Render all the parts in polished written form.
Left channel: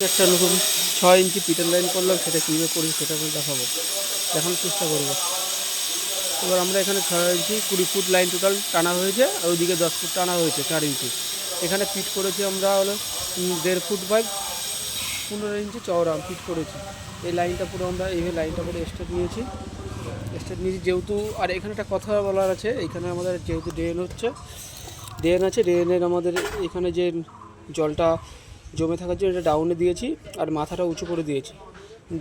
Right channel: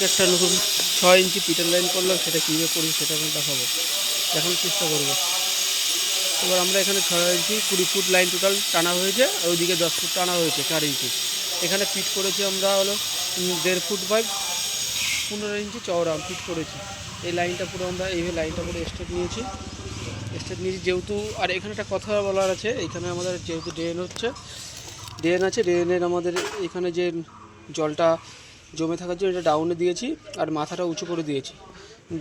একটা নতুন 6 ইঞ্চি Peter line করলাম, সেটা কীভাবে করি সেটা আমি দেখানোর চেষ্টা করবো। এবার আমরা এখানে 6 ইঞ্চি 20 ফুট লাইন টোটাল টানা হয়েছে, আর ওইদিকে 10 ফুট টানা হয়েছে 4 ইঞ্চি। এখানে ফিট করেছি আমরা হলো 1.5 ফুট বাই 15 ইঞ্চি চওড়া ফিট করেছি। এই লাইনটা পুরো আমরা এইভাবে লাইনটা পুরো স্টেট নিয়েছি যেহেতু। আর এখানে একটা কথা বলার আছে, এখানে আমাদের যেহেতু ড্রেন আছে, ড্রেনের আমাদের এখানে যে জলটা জমে থাকার জন্য এটা ডাউনে দিয়েছি, আর মাথাটা উঁচু করে দিয়েছি।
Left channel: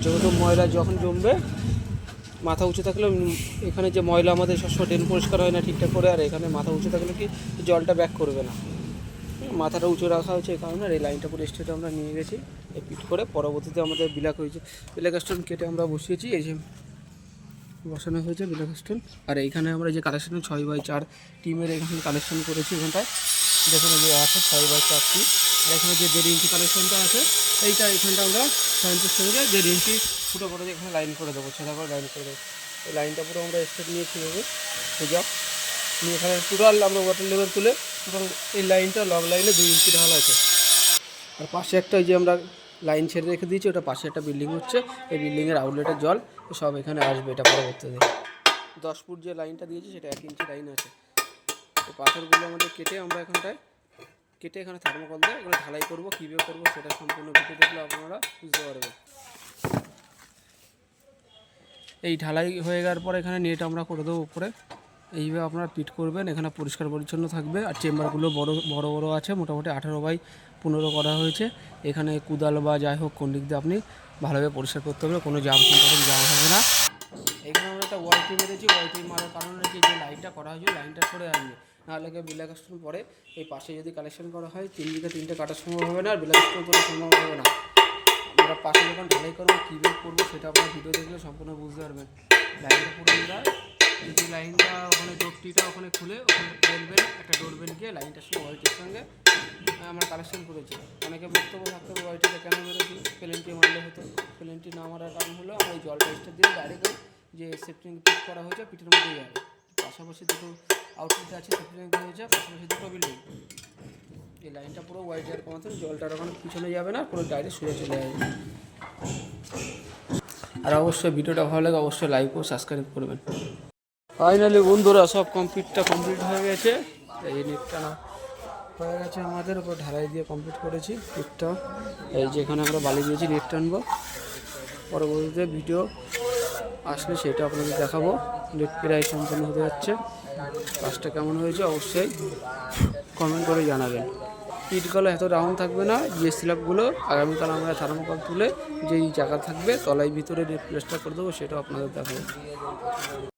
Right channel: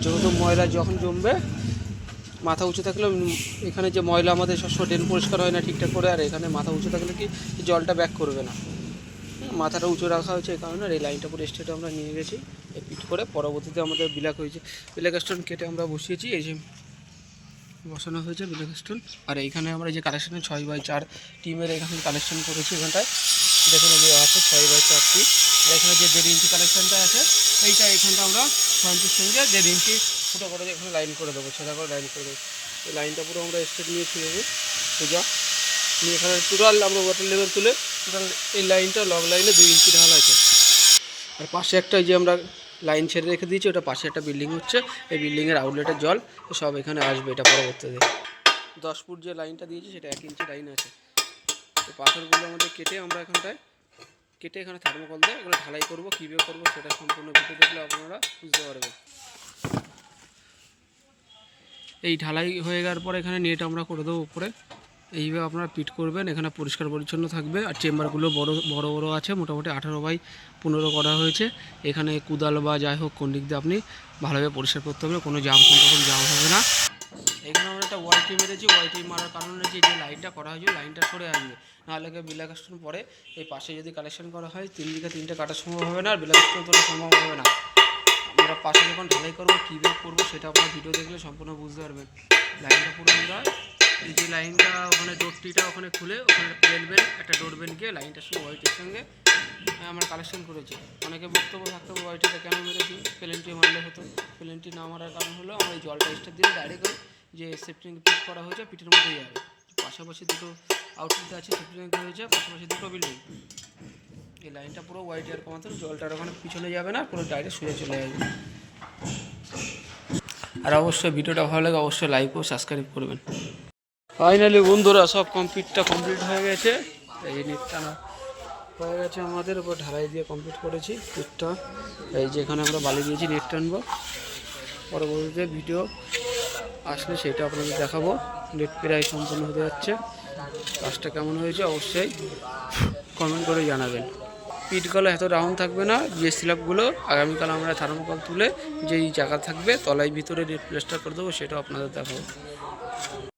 যেহেতু ময়লা যখন জমবে, মাথা উঁচু থাকলে এখানে যে ময়লা আমাদের সবসময় ড্রেন পরিষ্কার হয় না ঠিকঠাক করে, আর এখানে মাথা উঁচু থাকলে কি জলটা ব্যাক করবে না। মাথাটা উঁচু রাখা হয়েছে এই কারণে। আর এই লাইনটা পুরো স্টেটে আমরা নিয়ে গেছি এই পিট করে। পরবর্তীতে আমাদের বিলাক হয়েছে, বিলাক স্টোন কেটে আমরা বসিয়েছি, এই যে বসানো হয়েছে বিলাক স্টোন। আর এইখানে আমরা যে কালেকশন 6x4 টিমের এখানে কালেকশন করেছি, এখানটায় দেখুন যে আছে 6x4 টিম। আর এখানে যে 1.5 ইঞ্চি কালেকশনটা আছে, এখানটা আমরা 6 ইঞ্চির সঙ্গে 1.5 ইঞ্চি ফুটো করে এখানে লাইন করে দেবো, ছেঁড়া করে লাইন করে দেবো। এই লাইনটা পুরো আমরা স্টেট নিয়েছি সোজা নিয়ে এখানে টোটাল আমরা ওয়াটার লেভেল তুলে টোটাল এই লাইনটা লং লাইনে 2 ইঞ্চি ঢাল আছে। আর পাশে একটা যে আমরা লাইন ছেড়ে রেখে দিয়েছি, ওটা পাশে একটা বিল্ডিং হচ্ছে, এই বিল্ডিংয়ের আউটলেটের জল সব এখানে আসবে। এটা পরবর্তীতে 10 ফুট যে লাইনটা দিয়েছি সেটা 1 ইঞ্চি লাইন আছে। তো পাথরগুলো আমাদের কেটে আমরা এখানে থার্মোকল দিয়ে এগুলো ঢালাই করবো। কীভাবে করবো সেটা সম্পূর্ণ ভিডিও দেখলে আপনারা বুঝতে পারবেন। এই ঢালাই হয়ে যাওয়ার পর এখানে নেট আমরা করে দেবো উপরে। এইভাবে আপনারা পিট করবেন, এখানে পরিষ্কার পরিচ্ছন্ন থাকবে। আর চেম্বারগুলো বড় বড় আছে, মোটামুটি 18x15 করা হয়েছে। এখানে কুদাল বা যাই হোক কোন দিক দিয়ে আপনি ভালোভাবে পরিষ্কার করতে হবে, কোনো জাম হবে না। এখানে আমরা একটা ওয়াইটি মেরেছি, ওয়াইটি মারার কারণ হচ্ছে যে লাইনটা করা হয়েছে লাইনটা সরে আসবে, নাহলে বিলাক স্টোন পরে এই পাশে যদি কালেকশন করা হয় 3 দিকে 3টে কাটার সম্ভব হবে না, আর বিলাক স্টোন তোলা সম্ভব হবে না। আমরা পাশে যখন ঢালাই করবো কীভাবে করবো সেটা আপনারা ভিডিও দেখলে সম্পূর্ণ বুঝতে পারবেন। লাইনটা পুরো আমরা এই যে লাইনটা ওখানে ডোরটিটা ওখানে খুলে ওখানে প্লেনবেন একটা ডোরবেন গিয়ে লাইনটার সঙ্গে ওয়াইটির সঙ্গে আমরা কালেকশন করেছি। অনেকে বক্তব্য থাকতে হবে ওয়াইটিটা কেন মেরেছি, প্লেনটি মারলে হতো। প্লেনটি না মারার কারণ হলো আমরা এই জলটা স্টার দিয়ে ডাইরেক্ট যে সেফটি পিট করা হয়েছে পিটের মধ্যে যাবে। পাশাপাশি দুটো আউটলেট আছে, সেফটি ট্যাঙ্ক হয়েছে, পাশাপাশি দুটো বিল্ডিং। এই লাইনটা পুরো ওয়াইটি আর কমাতে জলটার ওখানে পিছনে যাবে না, পুরো ডাইরেক্ট সোজা চলে যাবে। আর অবশ্যই ভিডিওটা ভালো লাগে অবশ্যই লাইক ও সাবস্ক্রাইব করবেন। ফাইনালি বন্ধুরা সব কমপ্লিট হয়ে গেছে। এই নেট টানা হয়ে গেছে আমাদের, উপর ঢালাই দিয়ে কমপ্লিট করেছি নেটটা। এই যেখানে আমরা বালি দিয়েছি নেট টানবো, পরবর্তীতে ভিডিও আসলে সেটা আপনাদের দেখাবো। নেট প্রায় সম্পূর্ণ হতে যাচ্ছে, কাজটা কেমন হয়েছে অবশ্যই কমেন্ট করে জানাবেন। পিটগুলো এত রাউন্ড থাকবে না, যে স্ল্যাবগুলো আগামীকাল আমরা থার্মোকল তুলে যেই জায়গা থাকবে তলায় ভিতরে নেট প্লাস্টার করে দেবো, সেটাও আপনাদের দেখাবো।